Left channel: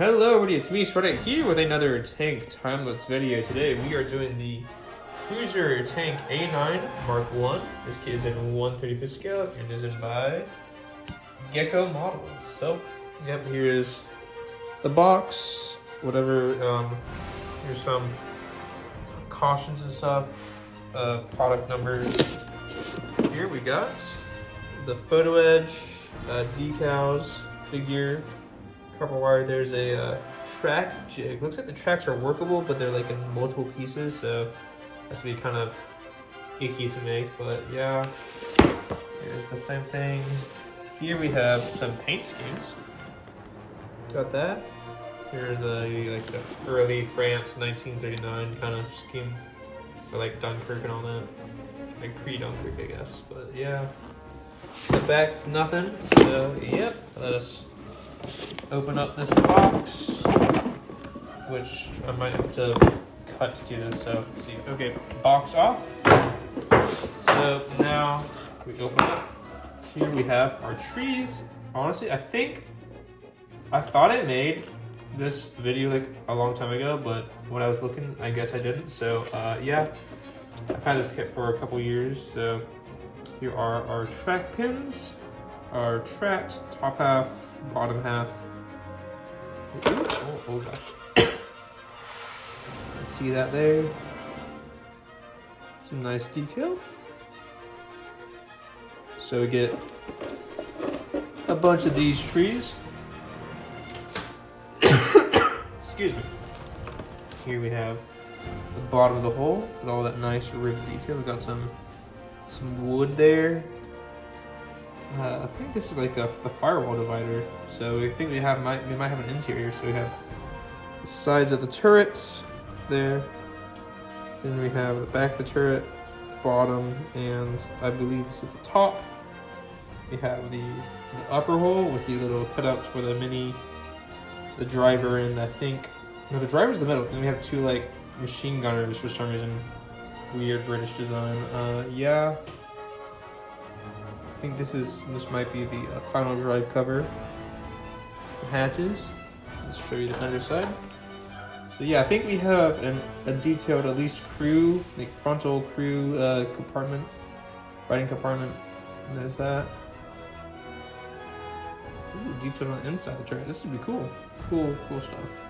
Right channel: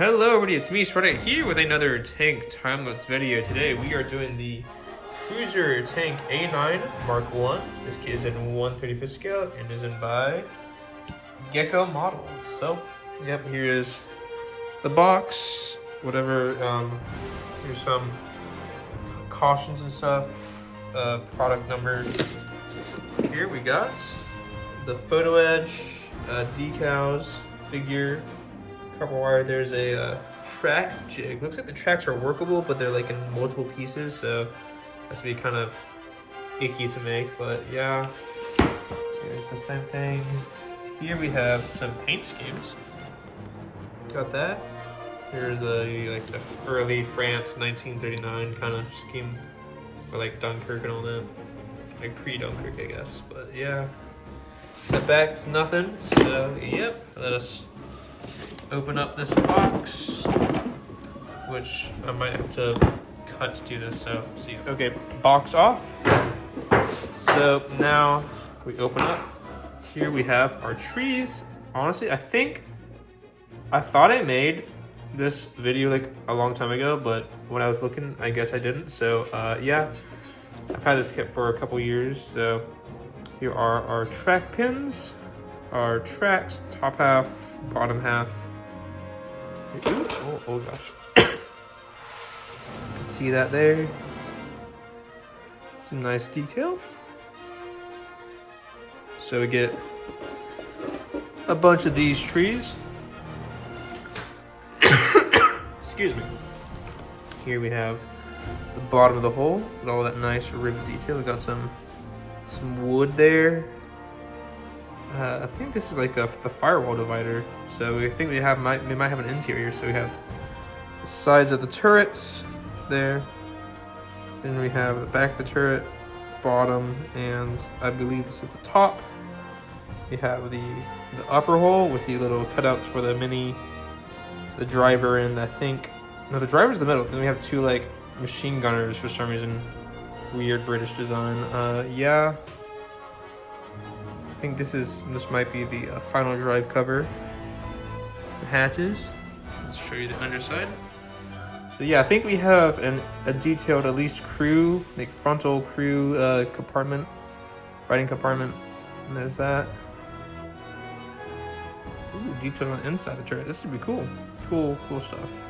Hello everybody, it's me, Shredder, here with another tank time-lapse video. Today we are doing the Cruiser Tank A9 Mark 1. This kit is in 1/35 scale and is in by Gecko models. So, yep, here's the box, whatever, here's some cautions and stuff, product numbers. Here we got the photo edge, decals, figure, copper wire. There's a track jig. Looks like the tracks are workable, but they're like in multiple pieces, so that's be kind of icky to make. But yeah, here's the same thing. Here we have some paint schemes. Got that. Here's the early France 1939 kind of scheme for like Dunkirk and all that, like pre-Dunkirk, I guess. But yeah, the back's nothing. So yep, let us open up this box, which I might have to cut to do this. So see, okay, box off. So now we open up. Here we have our trees. Honestly, I thought I made this video like a long time ago, but when I was looking, I guess I didn't. So yeah, I've had this kit for a couple years. So here are our track pins, our tracks, top half, bottom half. Ooh, oh gosh. See that there? Some nice detail. So we get a bunch of these trees. Excuse me. Here we have the bottom of the hole with all that nice ribbed detail. We got some wood there. I think this is like the firewall divider. So we think we might have an interior. So we have the sides of the turrets there. Then we have the back of the turret, the bottom, and I believe this is the top. We have the upper hole with the little cutouts for the driver, and I think, no, the driver's the middle. Then we have two like machine gunners for some reason. Weird British design. Yeah. I think this might be the final drive cover. The hatches. Let's show you the underside. So yeah, I think we have a detailed at least crew, like frontal crew compartment, fighting compartment, and there's that. Ooh, detailed on the inside of the turret. This would be cool. Cool stuff.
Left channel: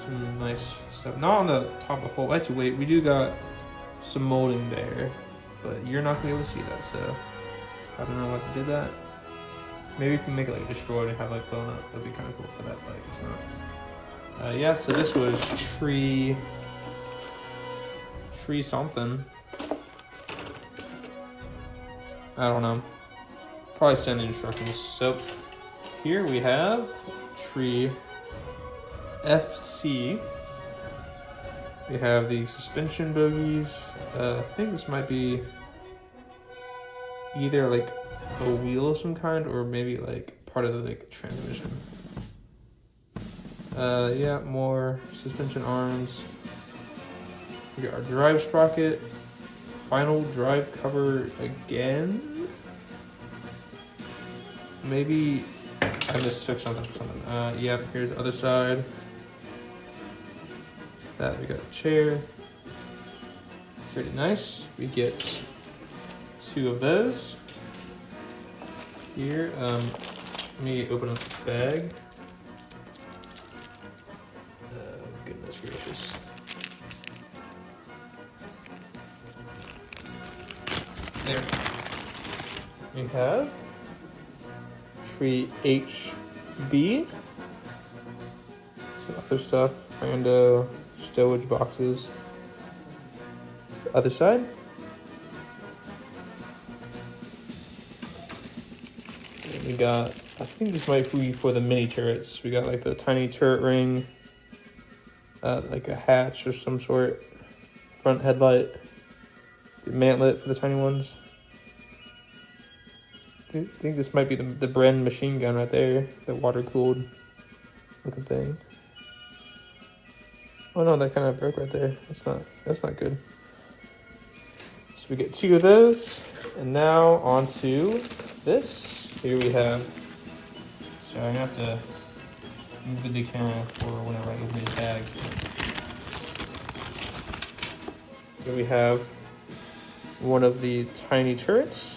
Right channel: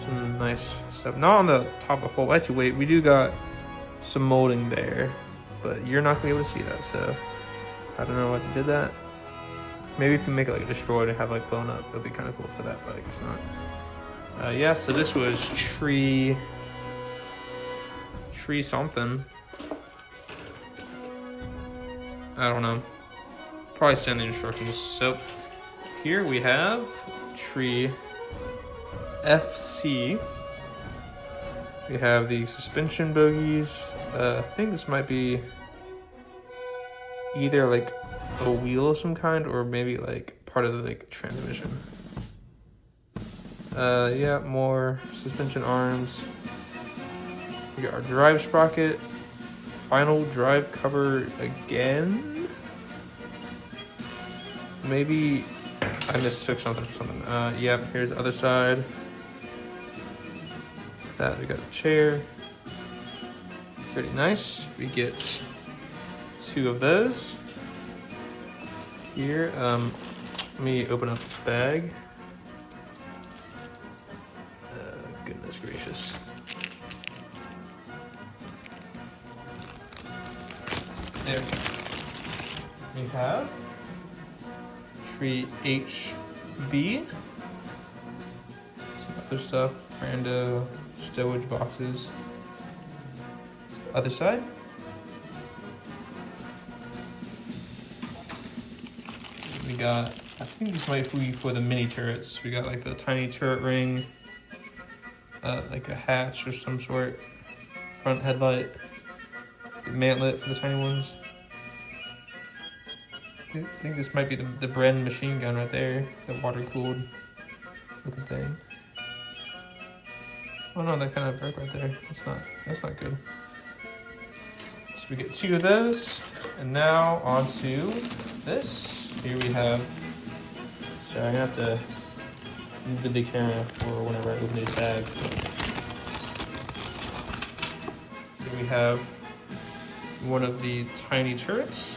Some nice stuff. Not on the top of the hole. Actually, wait, we do got some molding there, but you're not gonna be able to see that. So I don't know why they did that. Maybe if you make it like destroyed and have like blown up, it'd be kind of cool for that, but I guess not. Yeah, so this was tree something. I don't know. Probably send the instructions. So here we have tree FC. We have the suspension bogies. I think this might be either like a wheel of some kind or maybe like part of the like transmission. Yeah, more suspension arms. We got our drive sprocket, final drive cover again. Maybe I mistook something for something. Yep, here's the other side. That we got a chair. Pretty nice. We get two of those. Here, let me open up this bag. Goodness gracious. There. We have tree HB. Some other stuff, and stowage boxes. The other side. And we got, I think this might be for the mini turrets. We got like the tiny turret ring, like a hatch or some sort, front headlight, the mantlet for the tiny ones. I think this might be the Bren machine gun right there, the water-cooled looking thing. Oh no, that kind of broke right there. That's not good. So we get two of those, and now onto this. Here we have. Sorry, I have to move the camera for whenever I open this bag. Here we have one of the tiny turrets.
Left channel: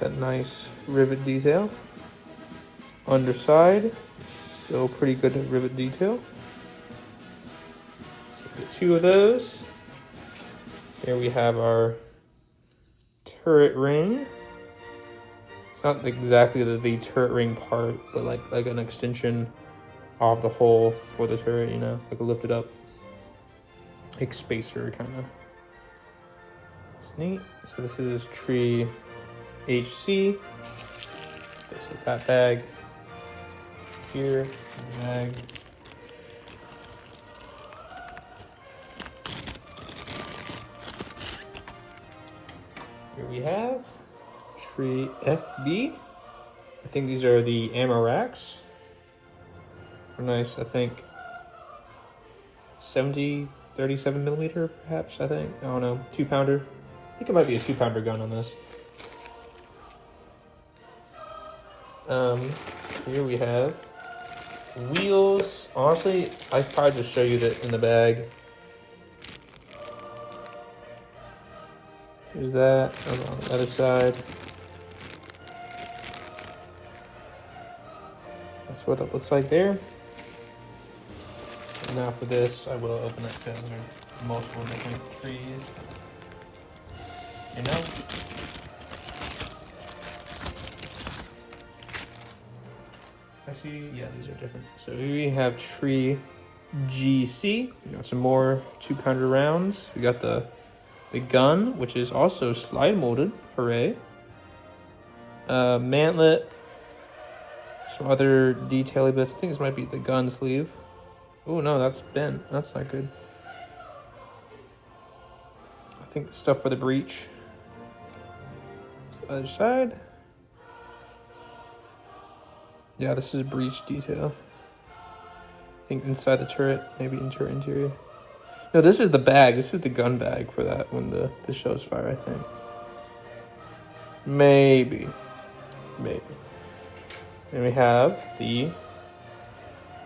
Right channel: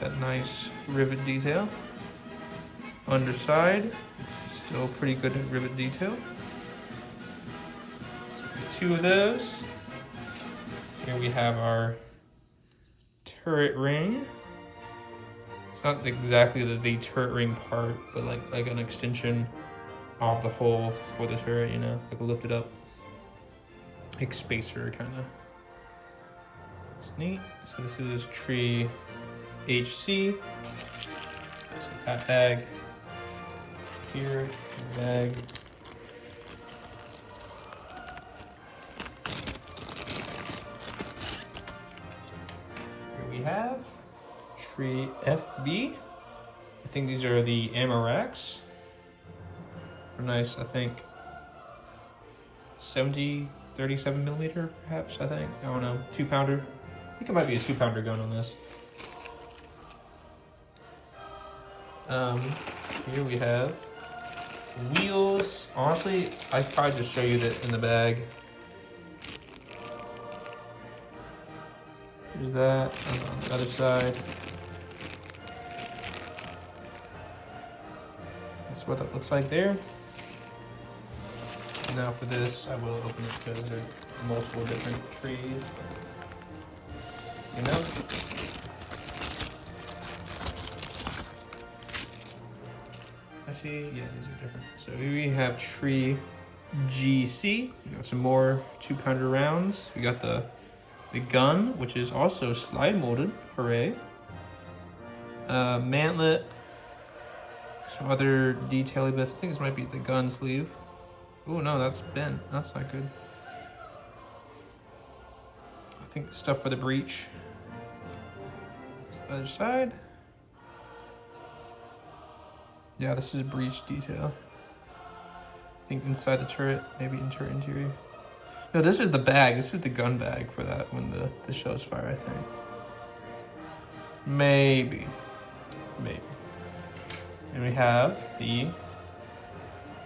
That nice rivet detail. Underside, still pretty good rivet detail. So we get two of those. Here we have our turret ring. It's not exactly the turret ring part, but like an extension of the hole for the turret, you know, like a lifted up, like spacer kind of. It's neat. So this is tree HC. There's that bag here, the bag. Here we have tree FB. I think these are the ammo racks. They're nice, I think 37 millimeter perhaps, I think. I don't know, 2-pounder. I think it might be a 2-pounder gun on this. Here we have wheels. Honestly, I could probably just show you that in the bag. There's that on the other side. That's what it looks like there. And now for this, I will open it because there are multiple different trees. You know? I see, yeah, these are different. So here we have tree GC. We have some more 2-pounder rounds. We got the gun, which is also slide molded. Hooray. Mantlet. Some other detail bits. I think this might be the gun sleeve. Oh no, that's bent. That's not good. I think stuff for the breech. Other side. Yeah, this is breech detail. I think inside the turret, maybe interior. No, this is the bag. This is the gun bag for that when the show's fire, I think. Maybe. And we have the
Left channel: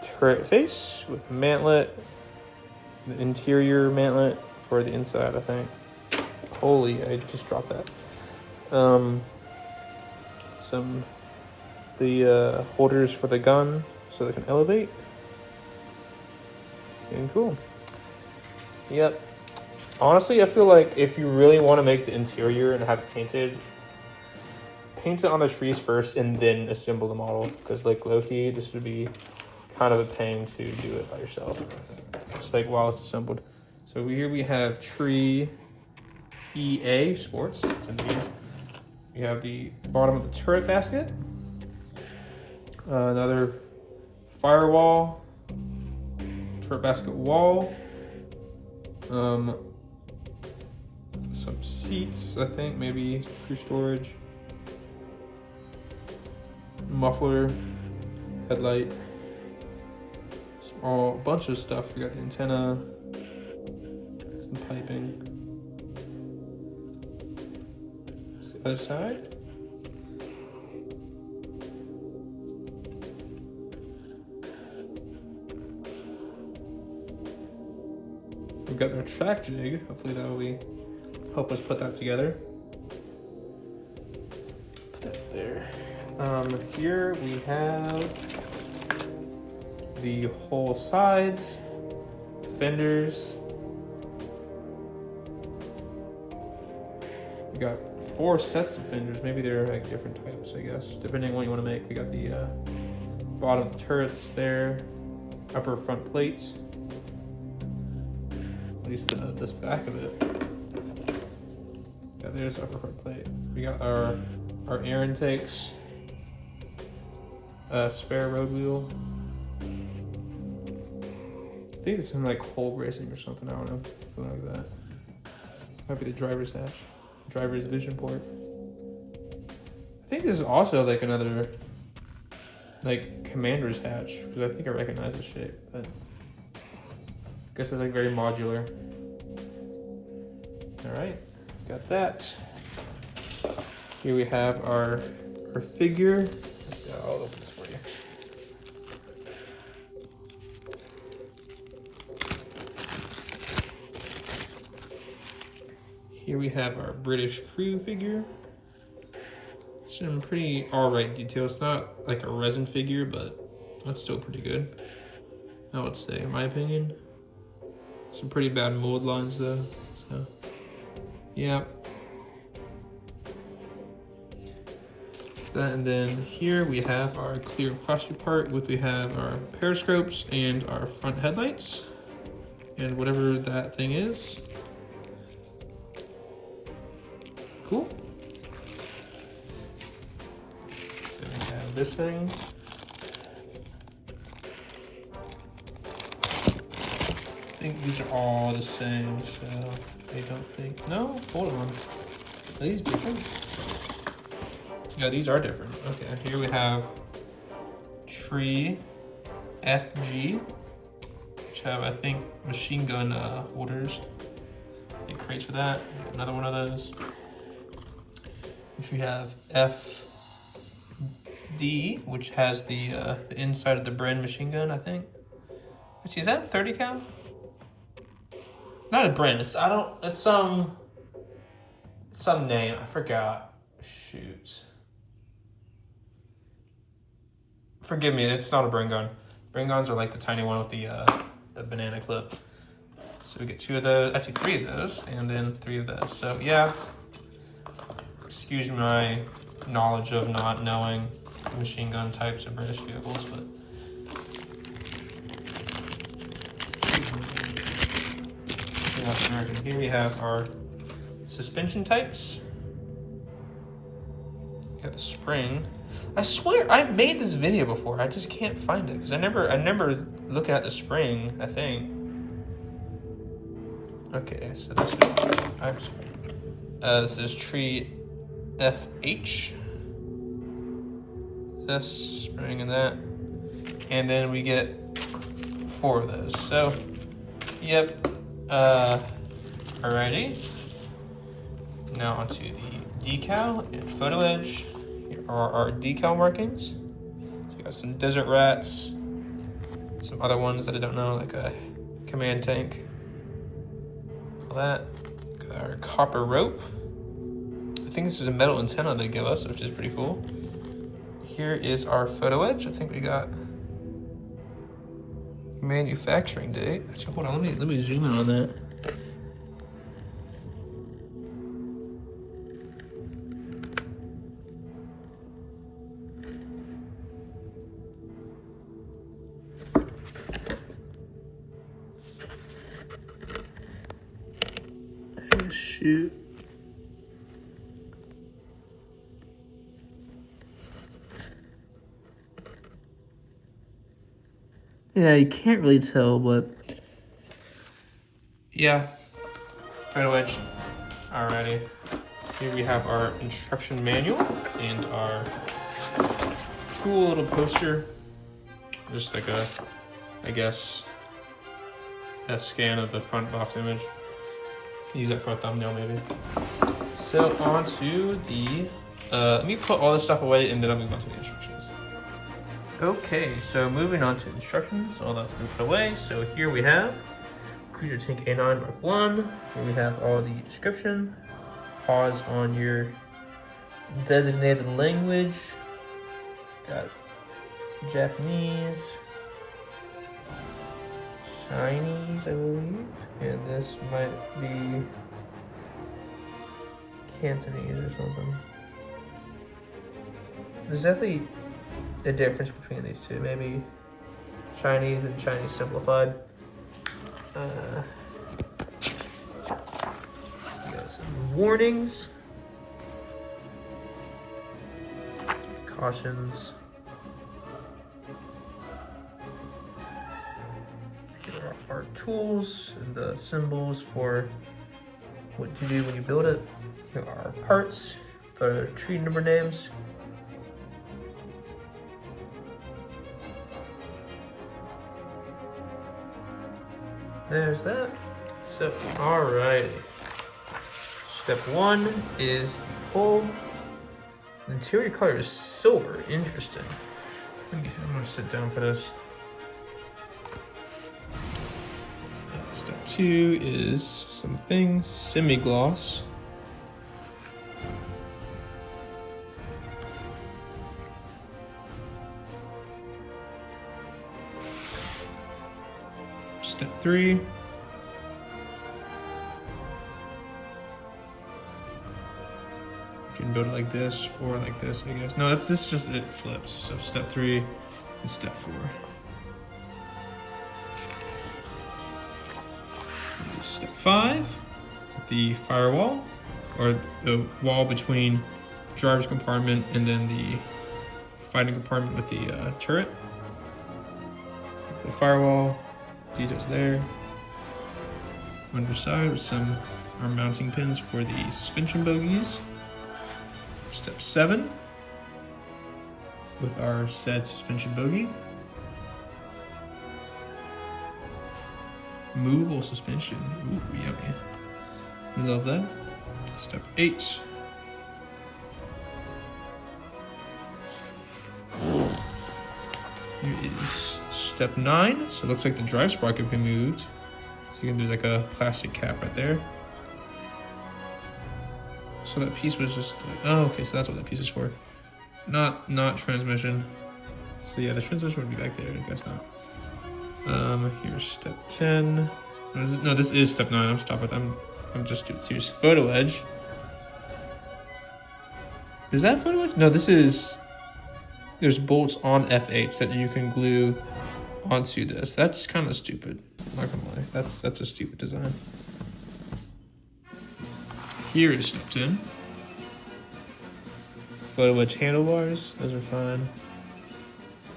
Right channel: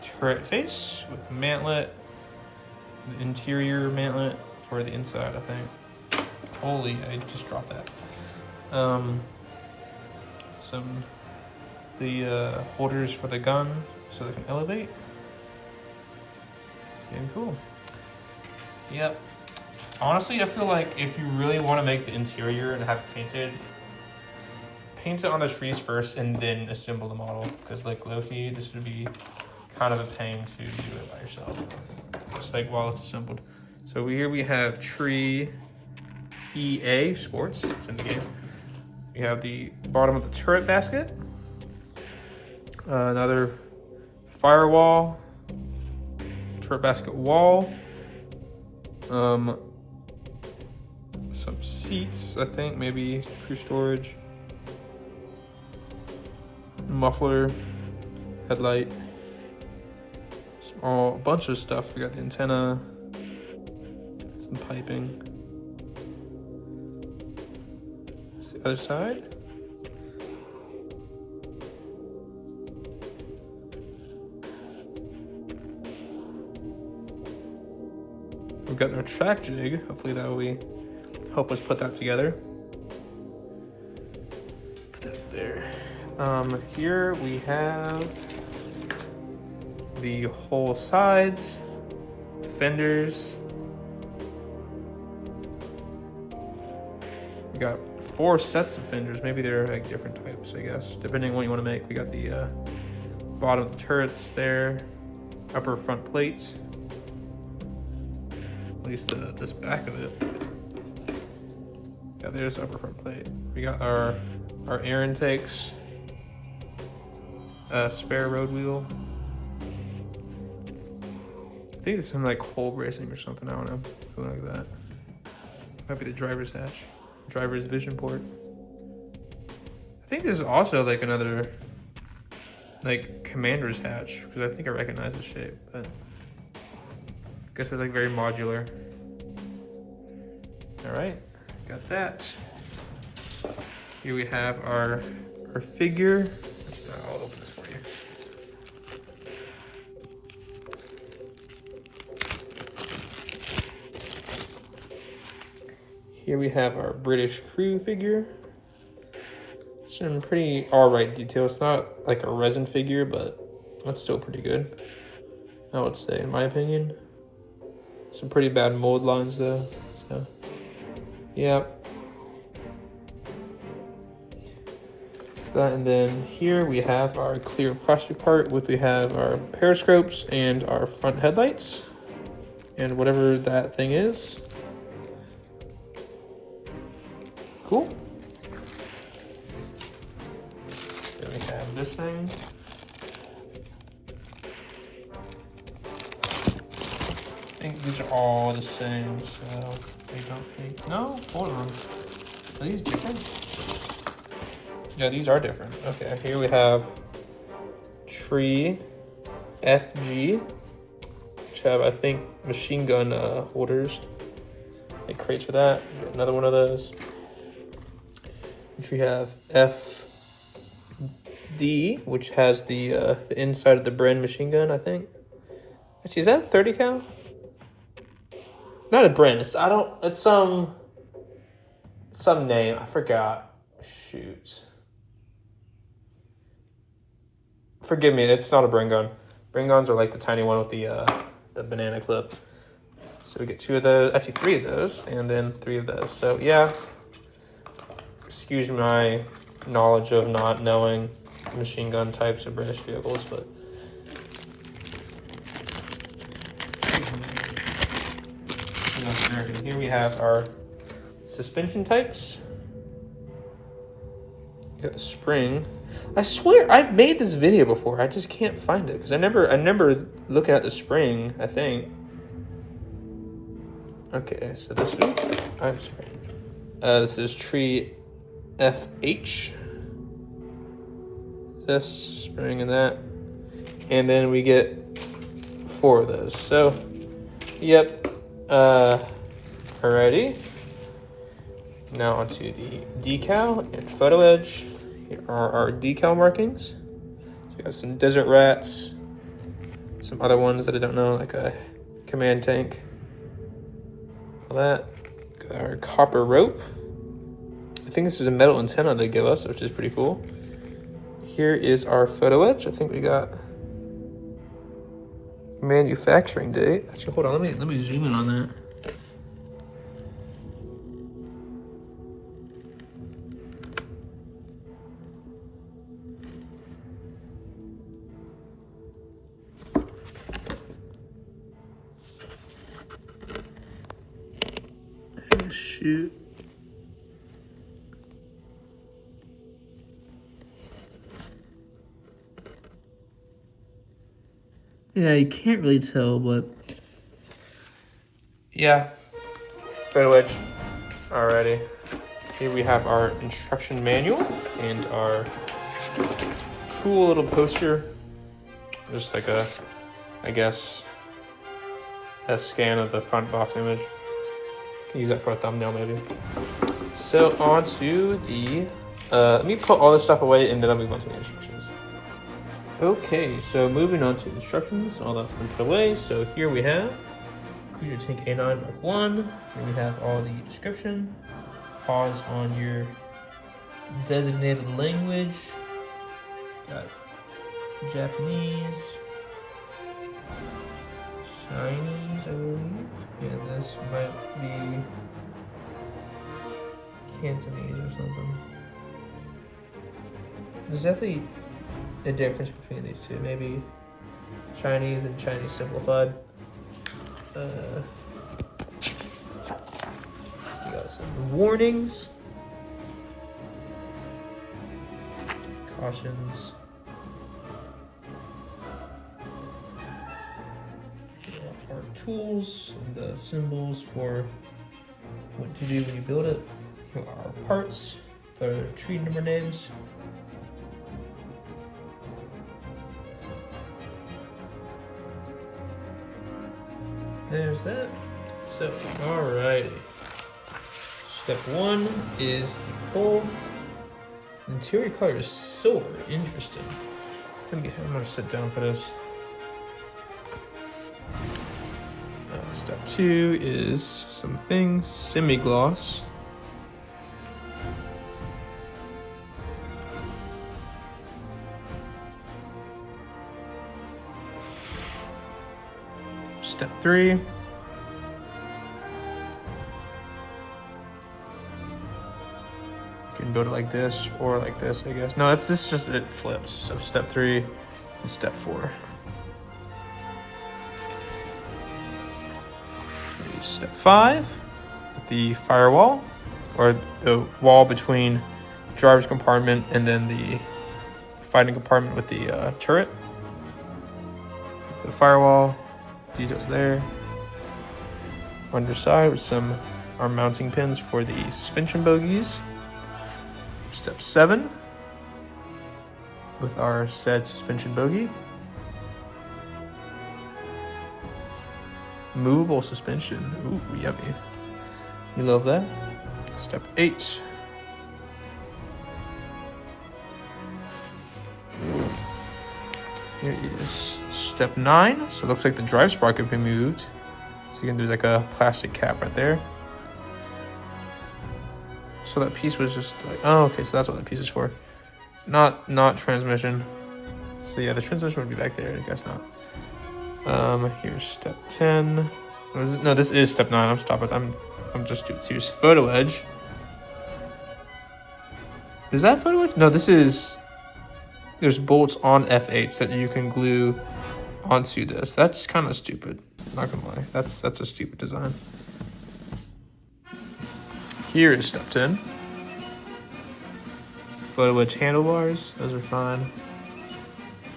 turret face with the mantlet, the interior mantlet for the inside, I think. Holy, I just dropped that. The holders for the gun so they can elevate. Pretty cool. Yep. Honestly, I feel like if you really want to make the interior and have it painted, paint it on the trees first and then assemble the model. Because like low-key, this would be kind of a pain to do it by yourself. Just like while it's assembled. So here we have tree EA Sports. It's in the game. We have the bottom of the turret basket. Another firewall. Turret basket wall. Some seats, I think, maybe true storage. Muffler, headlight, a bunch of stuff. We got the antenna, some piping. That's the other side. We've got our track jig. Hopefully that will help us put that together. Put that there. Here we have the whole sides, fenders. We got 4 sets of fenders. Maybe they're like different types, I guess, depending on what you want to make. We got the bottom of the turrets there, upper front plates. At least this back of it. Yeah, there's upper front plate. We got our air intakes, spare road wheel. I think it's some like hole bracing or something. I don't know, something like that. Might be the driver's hatch, driver's vision port. I think this is also like another like commander's hatch because I think I recognize the shape, but. I guess it's like very modular. All right, got that. Here we have our figure. I'll open this for you. Here we have our British crew figure. Some pretty alright detail. It's not like a resin figure, but it's still pretty good, I would say, in my opinion. Some pretty bad mold lines though, so yeah. That, and then here we have our clear plastic part, which we have our periscopes and our front headlights and whatever that thing is. Cool. Then we have this thing. I think these are all the same, so I don't think. No, hold on. Are these different? Yeah, these are different. Okay, here we have Tree FG, which have, I think, machine gun holders. Like crates for that. Got another one of those. We have FD, which has the inside of the Bren machine gun, I think. Actually, is that 30 cal? Not a Bren. It's some name. I forgot. Shoot. Forgive me, it's not a Bren gun. Bren guns are like the tiny one with the banana clip. So we get 2 of those, actually 3 of those, and then 3 of those. So yeah, excuse my knowledge of not knowing machine gun types of British vehicles, but American. Here we have our suspension types. Got the spring. I swear I've made this video before. I just can't find it because I never look at the spring, I think. Okay, so this is Tree FH. This spring and that. And then we get 4 of those. So, yep. Alrighty. Now onto the decal and photo edge. Here are our decal markings. So we have some desert rats, some other ones that I don't know, like a command tank. All that. Got our copper rope. I think this is a metal antenna they give us, which is pretty cool. Here is our photo edge. I think we got manufacturing date. Actually, hold on, let me zoom in on that. Shoot. Yeah, you can't really tell, but yeah, photo edge. Alrighty. Here we have our instruction manual and our cool little poster. Just like a, I guess, a scan of the front box image. Use that for a thumbnail maybe. So on to the, let me put all this stuff away and then I'll move on to the instructions. Okay, so moving on to instructions, all that's been put away. So here we have Cruiser Tank A9 Mark 1. Here we have all the description. Pause on your designated language. Got Japanese, Chinese, I believe. And this might be Cantonese or something. There's definitely a difference between these two. Maybe Chinese and Chinese simplified. We got some warnings, cautions. Here are our tools and the symbols for what to do when you build it. Here are our parts, the tree number names. There's that. So, alright. Step 1 is the hull. The interior color is silver. Interesting. I'm gonna sit down for this. Step 2 is some things. Semi-gloss. Step 3. You can build it like this or like this, I guess. No, this is just it flips. So step 3 and step 4. Step 5, the firewall, or the wall between driver's compartment and then the fighting compartment with the turret. The firewall, details there. Underside with some our mounting pins for the suspension bogies. Step 7, with our said suspension bogey. Movable suspension. Ooh, yummy. We love that. Step 8. Here is step 9. So it looks like the drive spark can be moved. So again, there's like a plastic cap right there. So that piece was just like, oh, okay, so that's what that piece is for. Not transmission. So yeah, the transmission would be back there, I guess not. Here's step 10. What is it? No, this is step 9. I'm stopping. I'm just doing. Here's photo edge. Is that photo edge? No, this is. There's bolts on FH that you can glue onto this. That's kind of stupid. Not gonna lie. That's a stupid design. Here is step 10. Photo edge handlebars. Those are fine.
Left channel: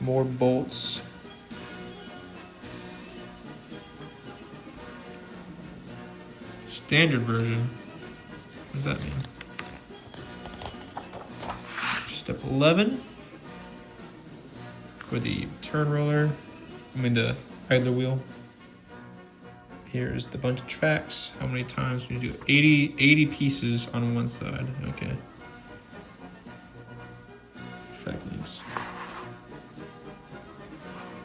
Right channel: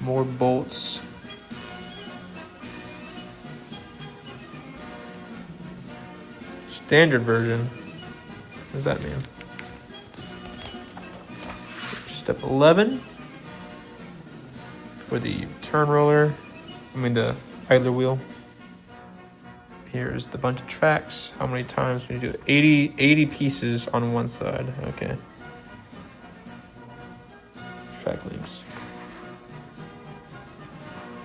More bolts. Standard version. What does that mean? Step 11 for the turn roller. I mean the idler wheel. Here's the bunch of tracks. How many times can you do it? 80 pieces on one side. Okay. Track links.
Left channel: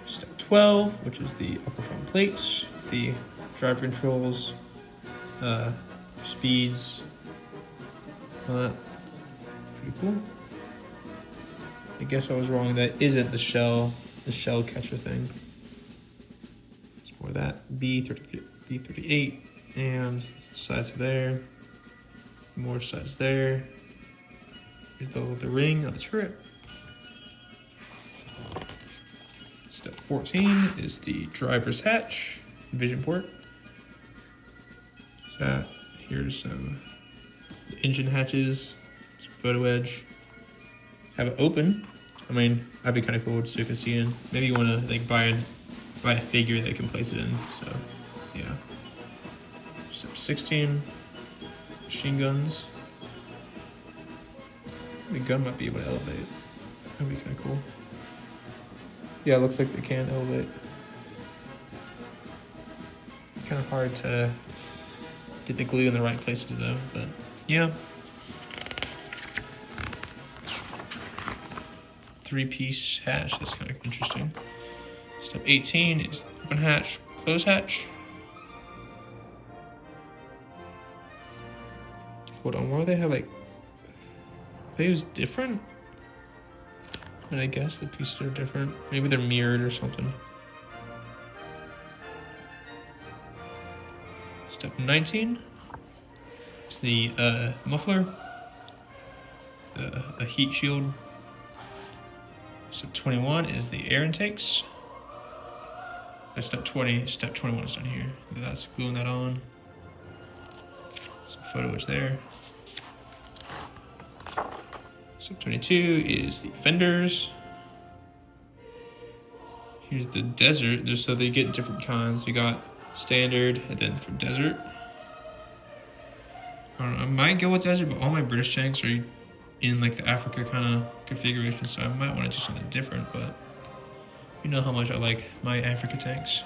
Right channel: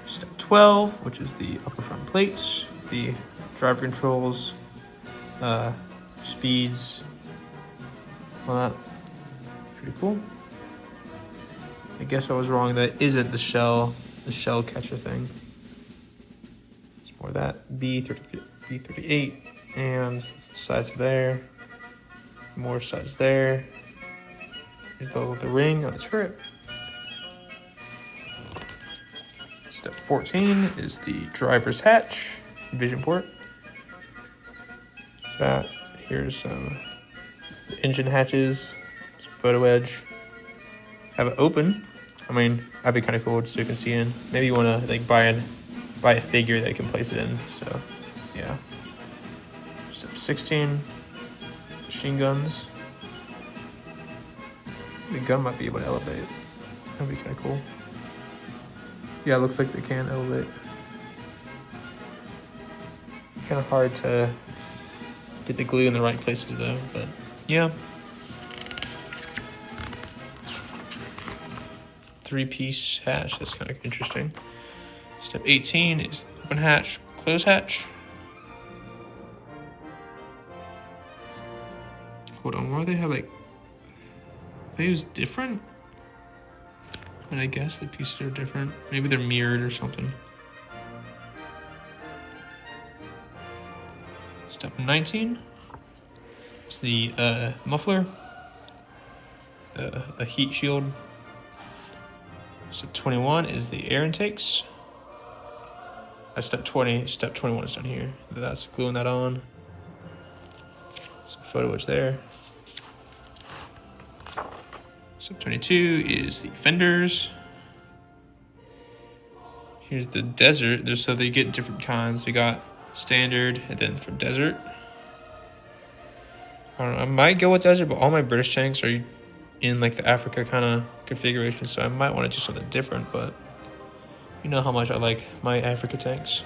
Step 12, which is the upper front plates, the driver controls, speeds, all that. Pretty cool. I guess I was wrong. That isn't the shell catcher thing. It's more that B38, and the sides there. More sides there. Here's the ring on the turret. Step 14 is the driver's hatch, vision port. So that, here's some engine hatches, some photo edge. Have it open. I mean, that'd be kind of cool so you can see in. Maybe you want to like buy a figure that you can place it in. So yeah. Step 16, machine guns. The gun might be able to elevate. That'd be kind of cool. Yeah, it looks like they can elevate. Kind of hard to get the glue in the right places though, but yeah. 3-piece hatch, that's kind of interesting. Step 18 is open hatch, close hatch. Hold on, why do they have like, maybe it was different? And I guess the pieces are different. Maybe they're mirrored or something. Step 19 is the muffler, the heat shield. Step 21 is the air intakes. That's step 20. Step 21 is down here. That's gluing that on. Some photo edge there. Step 22 is the fenders. Here's the desert. So they get different kinds. We got standard and then for desert. I don't know. I might go with desert, but all my British tanks are in like the Africa kind of configuration, so I might want to do something different, but you know how much I like my Africa tanks.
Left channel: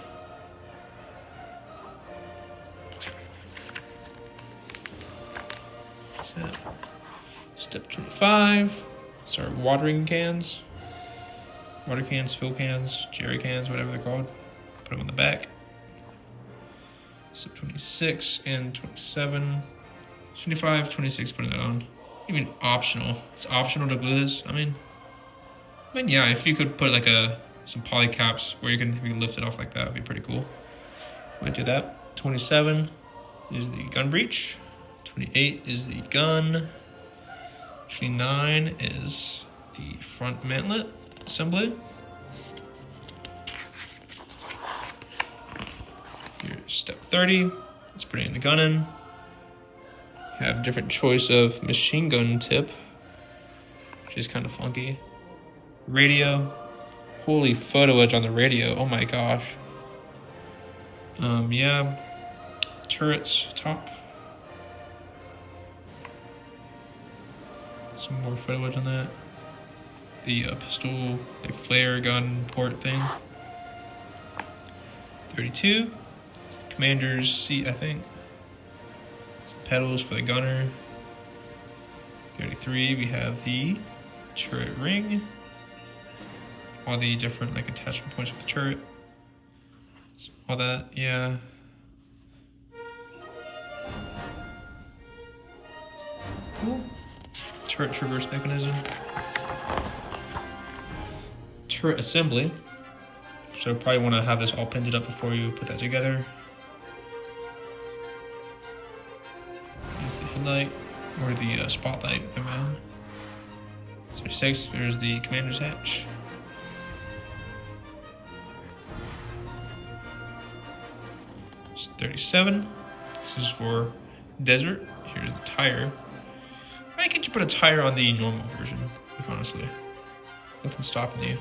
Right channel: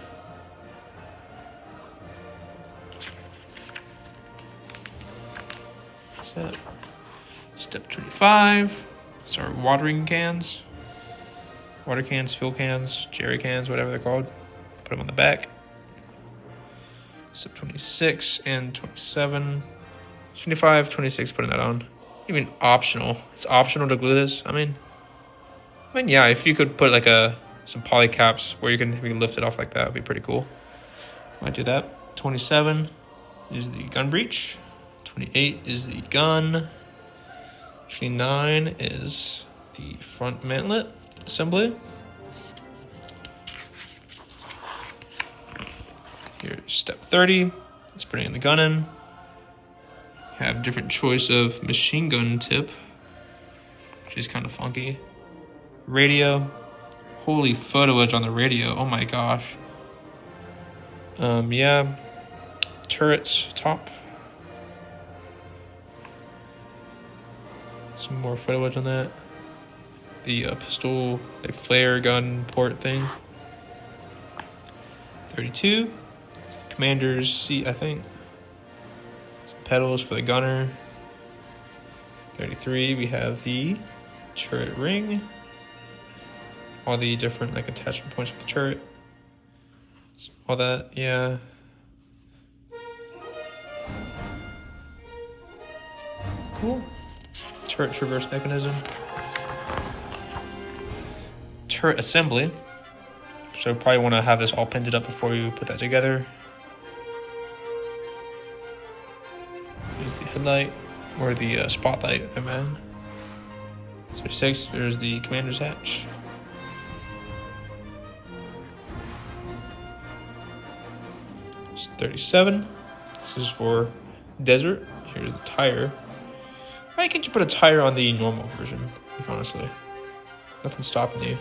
So, step 25, it's our watering cans. Water cans, fill cans, jerry cans, whatever they're called. Put them on the back. Step 26 and 27. 25, 26, putting that on. Even optional. It's optional to glue this. I mean, yeah, if you could put like some poly caps where you can lift it off like that, would be pretty cool. Might do that. 27 is the gun breech. 28 is the gun. 29 is the front mantlet assembly. Here's step 30. It's putting the gun in. You have different choice of machine gun tip, which is kind of funky. Radio. Holy photo edge on the radio. Oh my gosh. Yeah. Turrets top. Some more photo edge on that. The pistol, like flare gun port thing. 32. It's the commander's seat, I think. Some pedals for the gunner. 33. We have the turret ring. All the different like attachment points for the turret. All that, yeah. Cool. Turret traverse mechanism. Turret assembly. So probably want to have this all pinned up before you put that together. Use the headlight or the spotlight, I mean. 36. There's the commander's hatch. It's 37. This is for desert. Here's the tire. Why can't you put a tire on the normal version? Honestly, nothing's stopping you.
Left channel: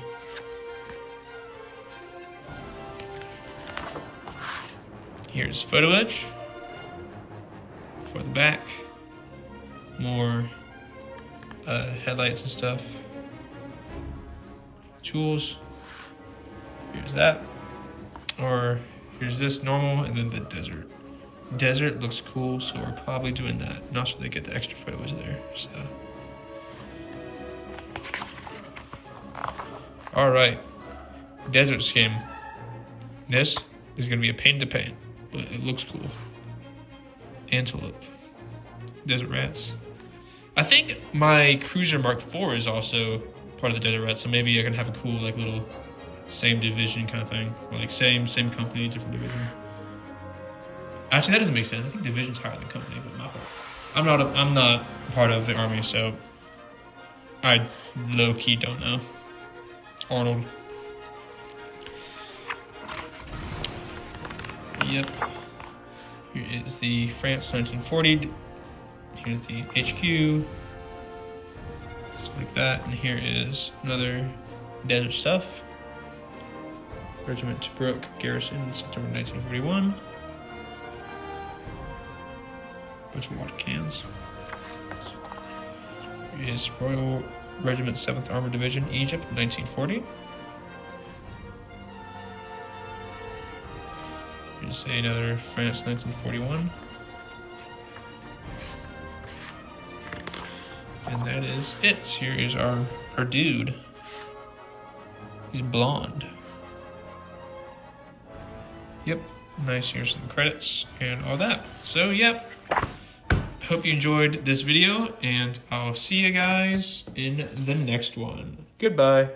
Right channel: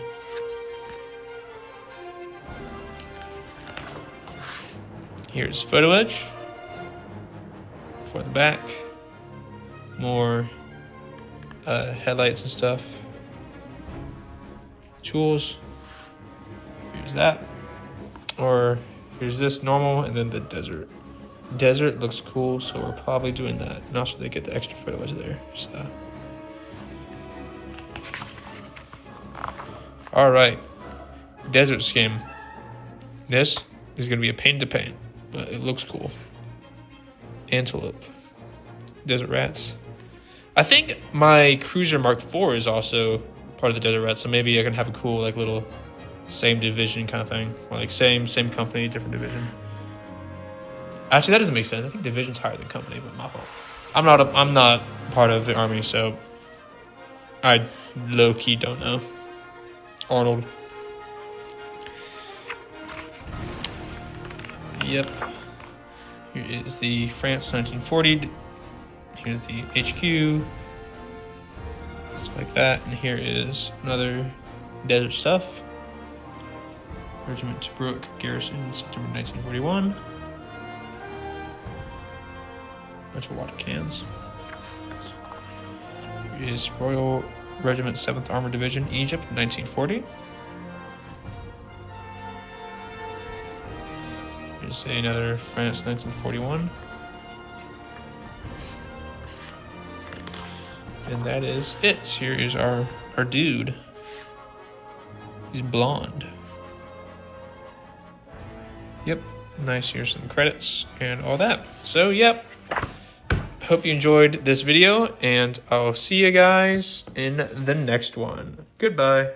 Here's photo edge for the back. More headlights and stuff. Tools. Here's that. Or here's this normal, and then the desert. Desert looks cool, so we're probably doing that. And also they get the extra photo edge there. So, all right, desert skin. This is gonna be a pain to paint, but it looks cool. Antelope, desert rats. I think my Cruiser Mark IV is also part of the desert rats, so maybe I can have a cool like little same division kind of thing, or like same company, different division. Actually, that doesn't make sense. I think division's higher than company, but my fault. I'm not part of the army, so I low-key don't know. Arnold. Yep. Here is the France 1940. Here's the HQ. Stuff like that. And here is another desert stuff. Regiment Tobruk Garrison, September 1941. Bunch of water cans. Here is Royal Regiment 7th Armored Division, Egypt, 1940. Here's another France, 1941. And that is it. Here is our dude. He's blonde. Yep. Nice. Here's some credits and all that. So, yep. Hope you enjoyed this video, and I'll see you guys in the next one. Goodbye.